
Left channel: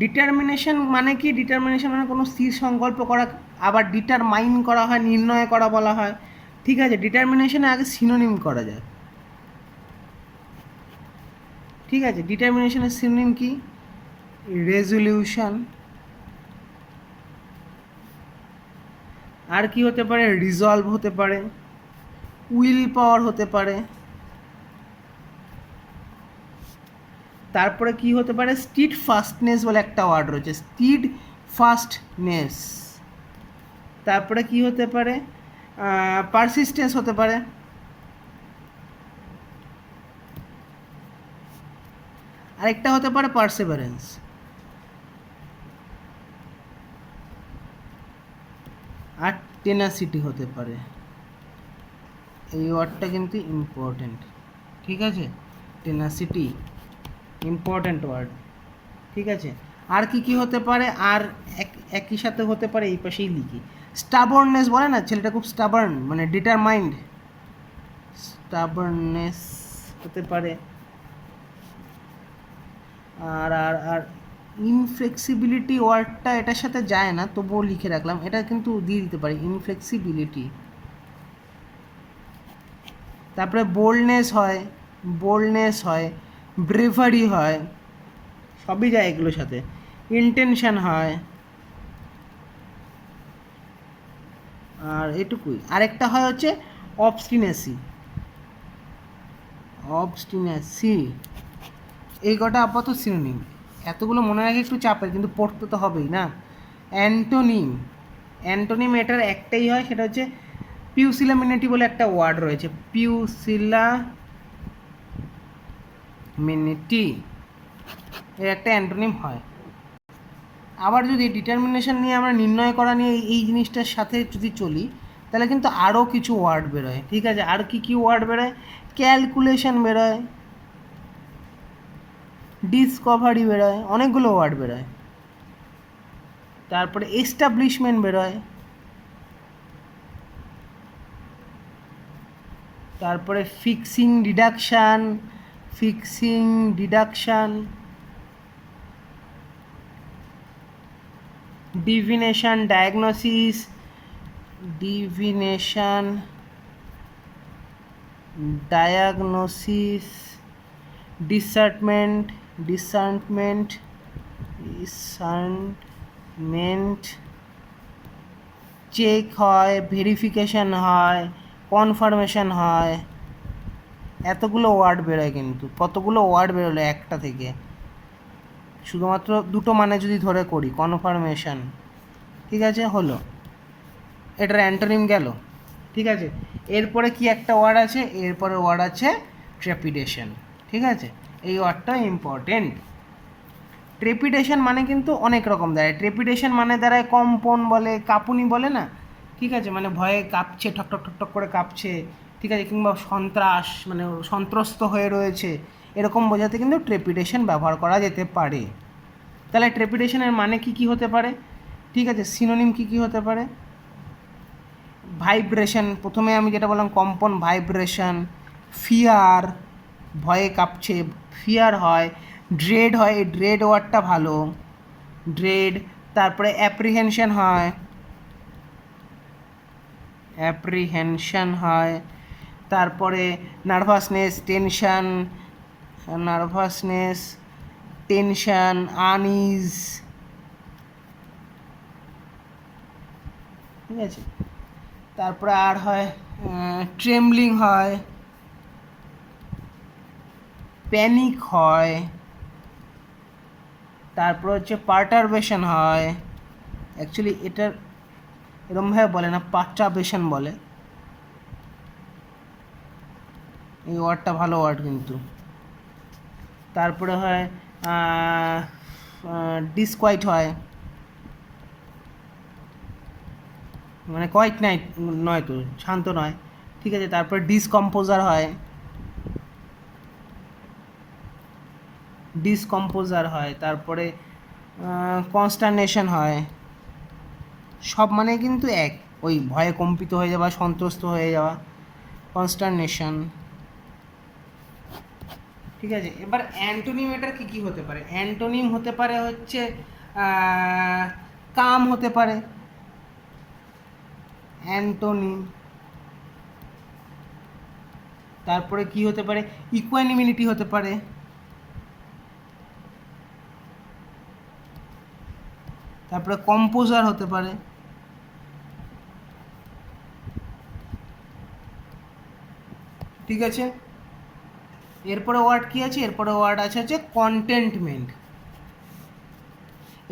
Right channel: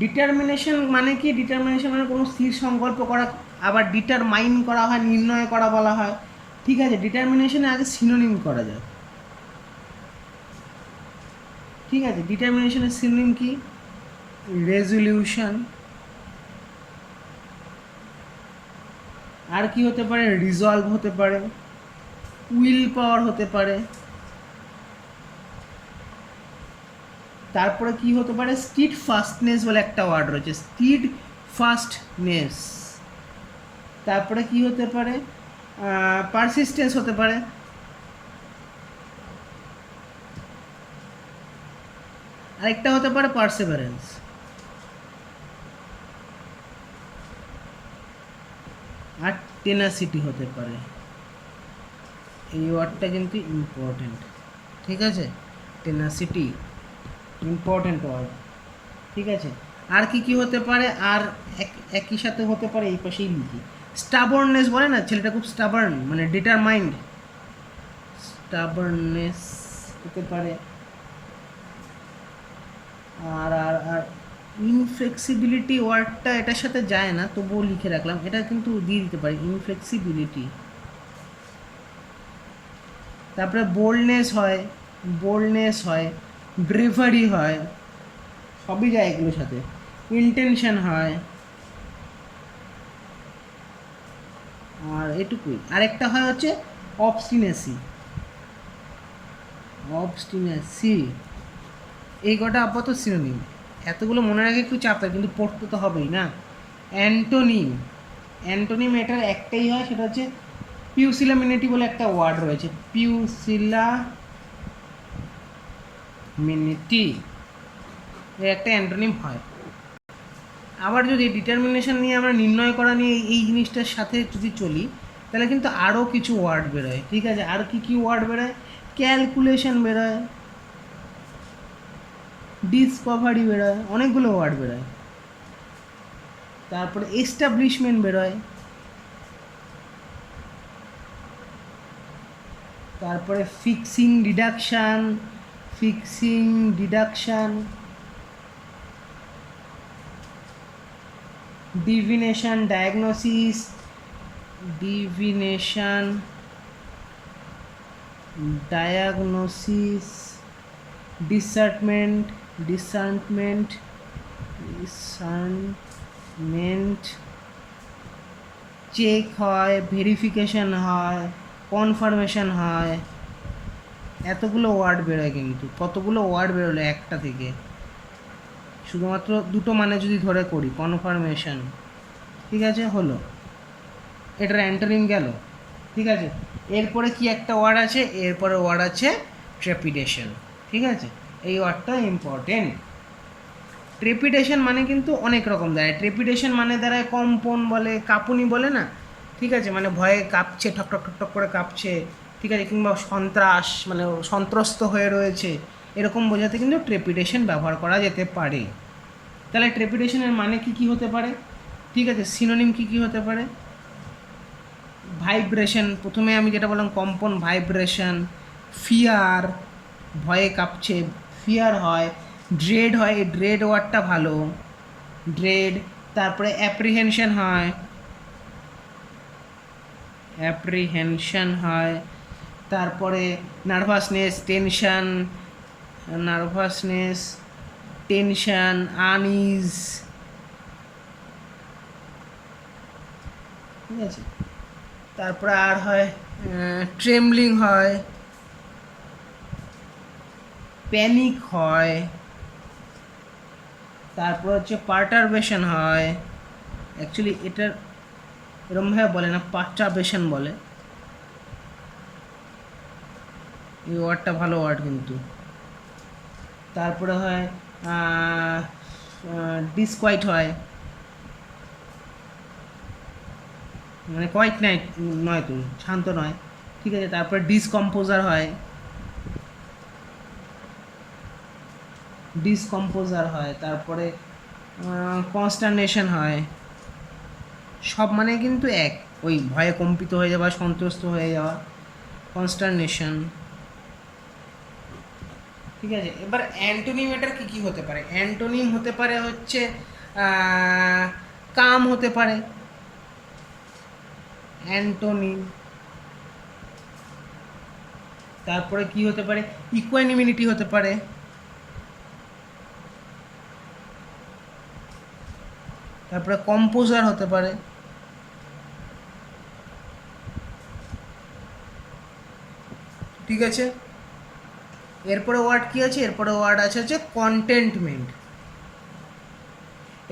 ডিটারমিনেশন মানে কি, ডিটারমিনেশন মানে কোনো স্থির সংকল্প করা, আবার ডিটারমাইন করা হয়, নির্ণয় করা বলা হয়, ঠিক আছে। ডিটারমিনেশনে আগে সিনোনিম করা যায়, ঠিক আছে। ডিটারমিনেশনের সিনোনিম কি, রেজলিউশন, আর কি হতে পারে, রিজলভ হতে পারে, উইল পাওয়ার হতে পারে। তারপরে কি হতে পারে, স্টিড ফাস্টনেস বলে একটা ওয়ার্ড রয়েছে, স্টিড ফাস্টনেস। তারপরে কি হতে পারে, পারসিস্টেন্স হতে পারে। আরেকটা হতে পারে পারসেভারেন্স। আর টেনাসিটি হতে পারে। এই ওয়ার্ডটা কিন্তু ইম্পর্টেন্ট, ঠিক আছে, টেনাসিটি ইম্পর্টেন্ট ওয়ার্ড, ঠিক আছে। আর কি কি হতে পারে, আর একই সাথে হতে পারে, এই পাশেই লিখি, স্টাবার্ননেস বলে না, ছেলেটা খুব স্টাবার্ন, মানে ডিটারমাইন্ড, স্টাবার্ননেস হতে পারে। আর আর আর ইনফ্লেক্সিবিলিটি ওয়ার্ডটা এটার সাথে যায় না, তবুও লিখে রাখলাম, এটা কিন্তু দিয়ে দিতে পারি, ইনফ্লেক্সিবিলিটি। তারপরে বোল্ডনেস হয়, বোল্ডনেস হয়, ব্রেভারি হয়, সবই যায় এগুলোর সাথে। ইন্টেনশন হয়, আর এটুকুই। আরেকটা হয় হচ্ছে অবস্টিনেসি, অবস্টিনেসি। এই কটা আপাতত সিনোনিম, এতগুলো মনে রাখে একটু চাপের, কিন্তু পড়তে তো হবেই না। অ্যান্টোনিম, অ্যান্টোনিম এটার একটাই হয়, সেটা হচ্ছে পিউসিলামিনেটি বলে একটা ওয়ার্ড রয়েছে, পিউসিলামিনেটি, এর একটা অ্যান্টোনিম হয়। আবার যদি ডিটারমিনেশন নিয়ে আমরা নির্ণয় করা নিয়ে এই জিনিসটার সাথে যদি চলি, তাহলে কিন্তু আরও কিছু ওয়ার্ড বেরোয়, ঠিক আছে। আর কি কি ওয়ার্ড বেরোয়, ক্যালকুলেশন বেরোয়, ডিসকভারি বেরোয়, অনেকগুলো ওয়ার্ড বেরোয়। তারপরে এস্টাবলিশমেন্ট বেরোয়, তারপরে ফিক্সিং ডিডাকশান, ডিভিনেশন, ডায়াগনোসিস, ডিসার্টমেন্ট, চেক হয়, ভেরিফিকেশন হয়, কনফার্মেশন হয়। এতগুলো ওয়ার্ড বেরোয়, কিন্তু কতগুলো ওয়ার্ড বেরোলো একটা থেকে, শুধুমাত্র দুটো মানে যদি ধরে করি, কনফার্মেশন, ঠিক আছে, হলো, এটার অ্যান্টোনিম গেল, ঠিক আছে। এরপরে কি একটা ওয়ার্ড আছে, এরপরে ওয়ার্ড আছে ট্রেপিডেশন, ঠিক আছে। এই ওয়ার্ডটা ইম্পর্টেন্ট। ট্রেপিডেশন মানে কিন্তু অনেক রকম দাঁড়ায়। ট্রেপিডেশন মানে দাঁড়ায় কম্পন বলে, কাঁপুনি বলে না, ঠিক আছে, মানে ভয়ে কাঁপছে, ঠক ঠক ঠক ঠক করে কাঁপছে, ঠিক আছে, কিংবা সন্ত্রাস মানে সন্ত্রস্ত হয়ে রয়েছে, এরকম বোঝাতে কিন্তু ট্রেপিডেশন ব্যবহার করা যেতে পারে। তাহলে ট্রেপিডেশনের মানে কি হতে পারে, ঠিক আছে, সিনোনিম কি হতে পারে? ভাইব্রেশন, প্রথমে আমি যেটা বললাম কম্পন, ভাইব্রেশন, ফিয়ার, ভয়ে কাঁপছে, ফিয়ার হয়, ড্রেড হয়, ড্রেড ওয়ার্ডটা ভালো, ড্রেড। তারপরে অ্যাপ্রিহেনশন হয়, তারপরে নার্ভাসনেস, টেনশন, আনইজ, ঠিক আছে। তারপরে আর হয় ট্রেমলিং হয়, প্যানিক হয়, তারপর হচ্ছে পার্টারবেশন হয়। অ্যাকচুয়ালি এটার এরমভাবে বলে না, পার্টারবেশন বলে। এই ওয়ার্ডটা ভালো ওয়ার্ড কিন্তু। তারপরে হয় ডিসকোয়াইট হয়, মানে কোয়াইট নয় তো, শান্ত নয়, ঠিক আছে। তারপরে ডিসকম্পোজার হয়, তারপরে কনস্টারনেশন হয়। সব মানে কিন্তু এক, ওই ভয়ে কম্পিত হয়ে যাওয়া, সন্ত্রস্ত হয়ে যাওয়া, কনস্টারনেশন, ঠিক আছে। এবার অ্যান্টোনিম এটার কী হতে পারে? অ্যান্টোনিম হতে পারে হচ্ছে কাম হতে পারে, অ্যান্টোনিম। তারপরে কি হতে পারে? ইকুয়ানিমিটি হতে পারে, তারপরে কম্পোজার হতে পারে, ঠিক আছে। এরপরে ওয়ার্ড কি আছে? এরপরে ওয়ার্ড আছে কন্টেন্টমেন্ট।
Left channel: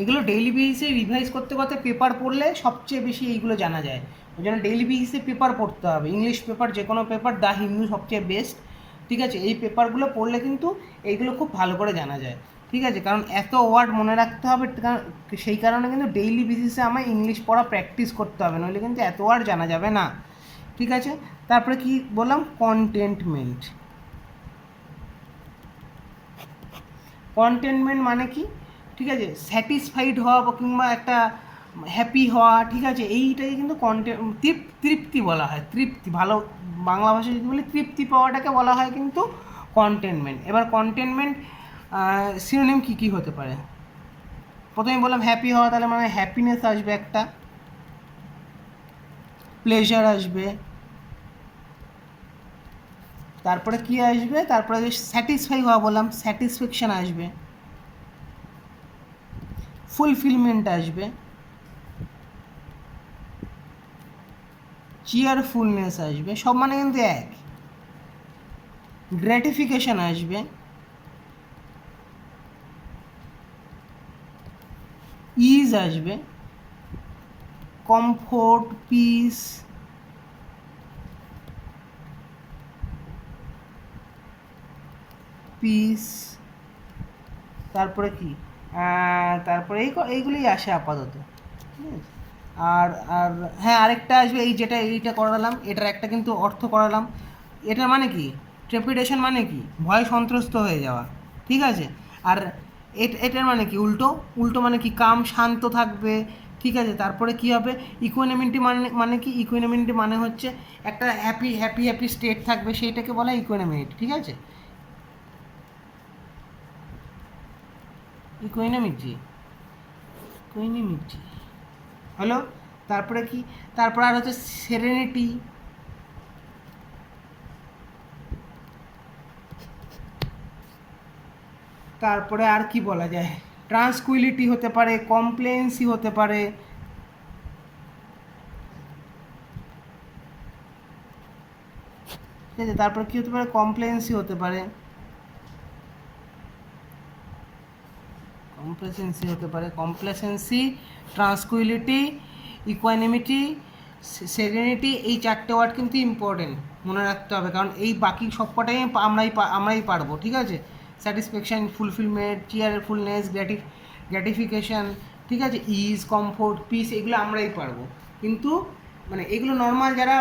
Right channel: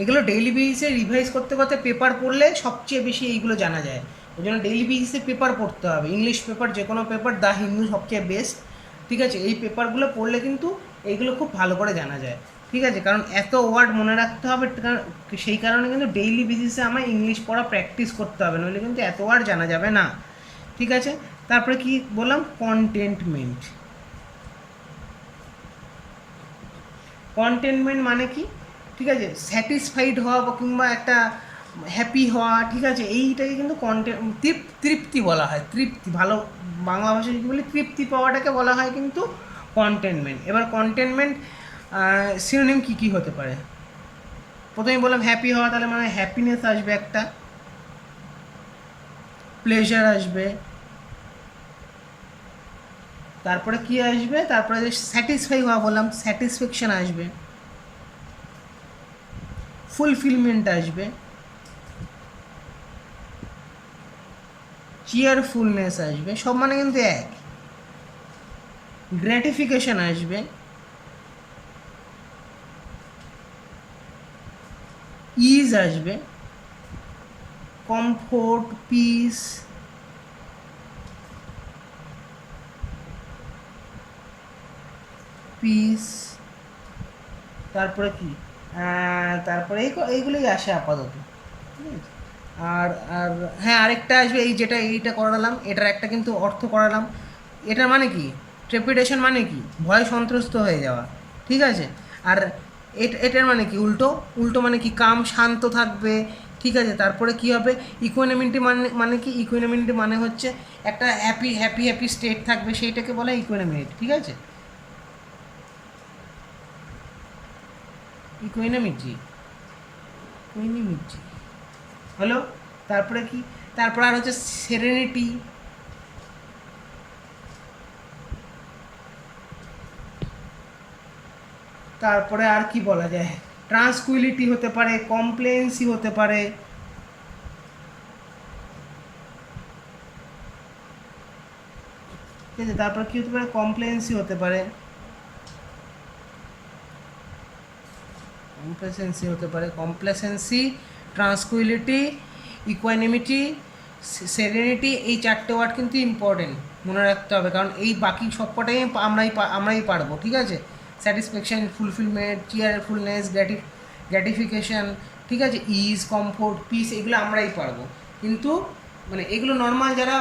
এগুলো ডেইলি বেসিসে রিভাইজ করতে করতে পেপার পড়লে সবচেয়ে বেশি এইগুলো জানা যায়। ওই জন্য ডেইলি বেসিসে পেপার পড়তে হবে, ইংলিশ পেপার, যে কোনো পেপার, দ্য হিন্দু সবচেয়ে বেস্ট, ঠিক আছে। এই পেপারগুলো পড়লে কিন্তু এইগুলো খুব ভালো করে জানা যায়, ঠিক আছে। কারণ এত ওয়ার্ড মনে রাখতে হবে, সেই কারণে কিন্তু ডেইলি বেসিসে আমার ইংলিশ পড়া প্র্যাকটিস করতে হবে, নইলে কিন্তু এত ওয়ার্ড জানা যাবে না, ঠিক আছে। তারপরে কি বললাম? কন্টেন্টমেন্ট মানে কি, ঠিক আছে, স্যাটিসফাইড হওয়া বা কিংবা একটা হ্যাপি হওয়া, ঠিক আছে, এইটাকে কিন্তু তৃপ্তি বলা হয়। তৃপ্তি, ভালো বাংলা ভাষায় কী বলি, তৃপ্তি পাওয়াটাকে বলা হয় কিন্তু কন্টেনমেন্ট। এবার কন্টেনমেন্ট সিনোনিম কী হতে পারে? প্রথমে বললাম হ্যাপি হওয়া, তাহলে মানে হ্যাপিনেস আসবে একটা, প্লেজার আসবে, তারপরে কি আসবে? তারপরে যে স্যাটিসফাই হওয়া বললাম, স্যাটিসফ্যাকশান আসবে, ফুলফিলমেন্ট আসবে, চিয়ারফুলনেস আসবে, সব মানে কিন্তু এক। গ্র্যাটিফিকেশন আসবে, ইজ আসবে, কমফোর্ট, পিস, তারপরে কি, তারপরে এইগুলোই আসে আপাতত, ঠিক আছে। আর আর হ্যাঁ, আরেকটা আসবে, এইটা করালাম, এটার একটা কিন্তু অর্থ করালাম। এটার মানে কি? ট্রেপিডেশন মানে কি? ভয় সন্ত্রস্ত হয়ে যাওয়া, ঠিক আছে। আর এটার মানে কি উল্টো, উল্টো মানে কি কাম শান্ত থাকবে, ঠিক আছে। তারপরে কি হবে ইকুয়ানিমিটি মানে কি ইকুয়ানিমিটি মানে হচ্ছে একটা হ্যাপি হ্যাপি হ্যাপি স্টেট থাকবে, সেইটাকে বলে ইকুয়ানিমিটি, ঠিক আছে। ইকুয়ানিমিটি ইকুয়ানিমিটি হলো। তারপরে কি, তারপর আর হচ্ছে সেরেনিটি, তারপরে আর কি বলা যায়, ট্রান্সকুইলিটি হতে পারে, কমপ্লেন্সি হতে পারে, ঠিক আছে। তারপর কি হতে পারে, কমপ্লেন্সি হতে পারে, কমপ্লেসেন্সি হতে পারে, কমপ্লেসেন্সি, ট্রান্সকুইলিটি, ইকুয়ানিমিটি, সেরেনিটি, এই চারটে ওয়ার্ড কিন্তু ইম্পর্টেন্ট, মনে রাখতে হবে, কারণ এই বাকি সবকটাই আমরাই পারবো, ঠিক আছে। স্যাটিসফ্যাকশান, ফুলফিলমেন্ট, চিয়ারফুলনেস, গ্র্যাটিফিকেশান, ঠিক আছে, ইজ, কমফোর্ট, পিস, এগুলো আমরাই পারবো। কিন্তু মানে এগুলো নর্মাল যারা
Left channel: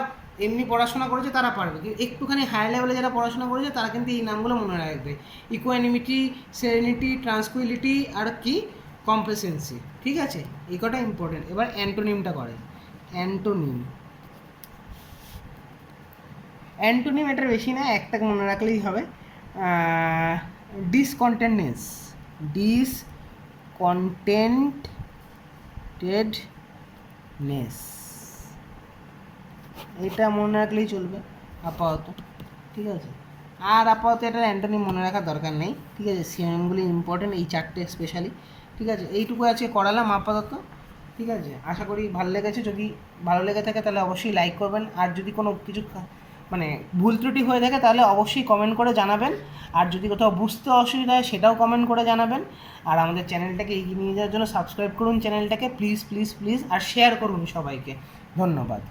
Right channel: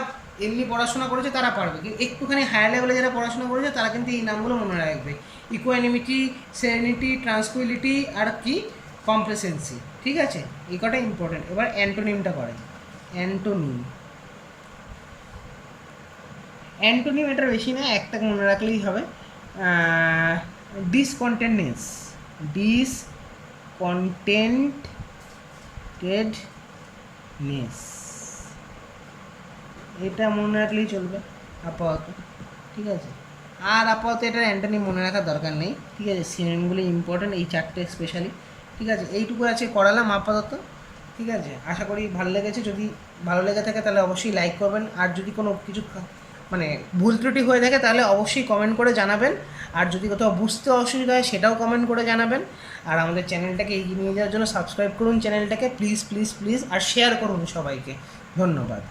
এমনি পড়াশোনা করেছে তারা পারবে, কিন্তু একটুখানি হায়ার লেভেলে যারা পড়াশোনা করেছে তারা কিন্তু এই নামগুলো মনে রাখবে, ইকুয়ানিমিটি, সেরেনিটি, ট্রান্সকুইলিটি আর কি কমপ্লেসেন্সি, ঠিক আছে। এই কটা ইম্পর্টেন্ট। এবার অ্যান্টোনিমটা করে, অ্যান্টোনিম, অ্যান্টোনিম এটা বেশি না, একটা মনে রাখলেই হবে, ডিসকন্টেন্টনেস, ডিসকন্টেন্টেডনেস, এটা মনে রাখলেই চলবে আপাতত, ঠিক আছে। আর আপাতত এটার অ্যান্টোনিম মনে রাখার দরকার নেই, ঠিক আছে। সিনোনিমগুলি ইম্পর্টেন্ট, এই চারটে স্পেশালি, ঠিক আছে। এইটুকু আছে করালাম আপাতত, ঠিক আছে। আশা করি ভালো লেগেছে, যদি ভালো লেগে থাকে তাহলে অবশ্যই লাইক করবেন, আর যদি কোনো কিছু মানে ভুল ত্রুটি হয়ে থাকে তাহলে অবশ্যই কমেন্ট করে জানাবেন, আর যদি কোথাও বুঝতে অসুবিধা হয় সেটাও কমেন্ট করে জানাবেন। আর আমাদের চ্যানেলটাকে এগিয়ে নিয়ে যাওয়ার জন্য সাবস্ক্রাইব করুন চ্যানেলটাকে, প্লিজ প্লিজ প্লিজ, আর শেয়ার করুন সবাইকে। ধন্যবাদ।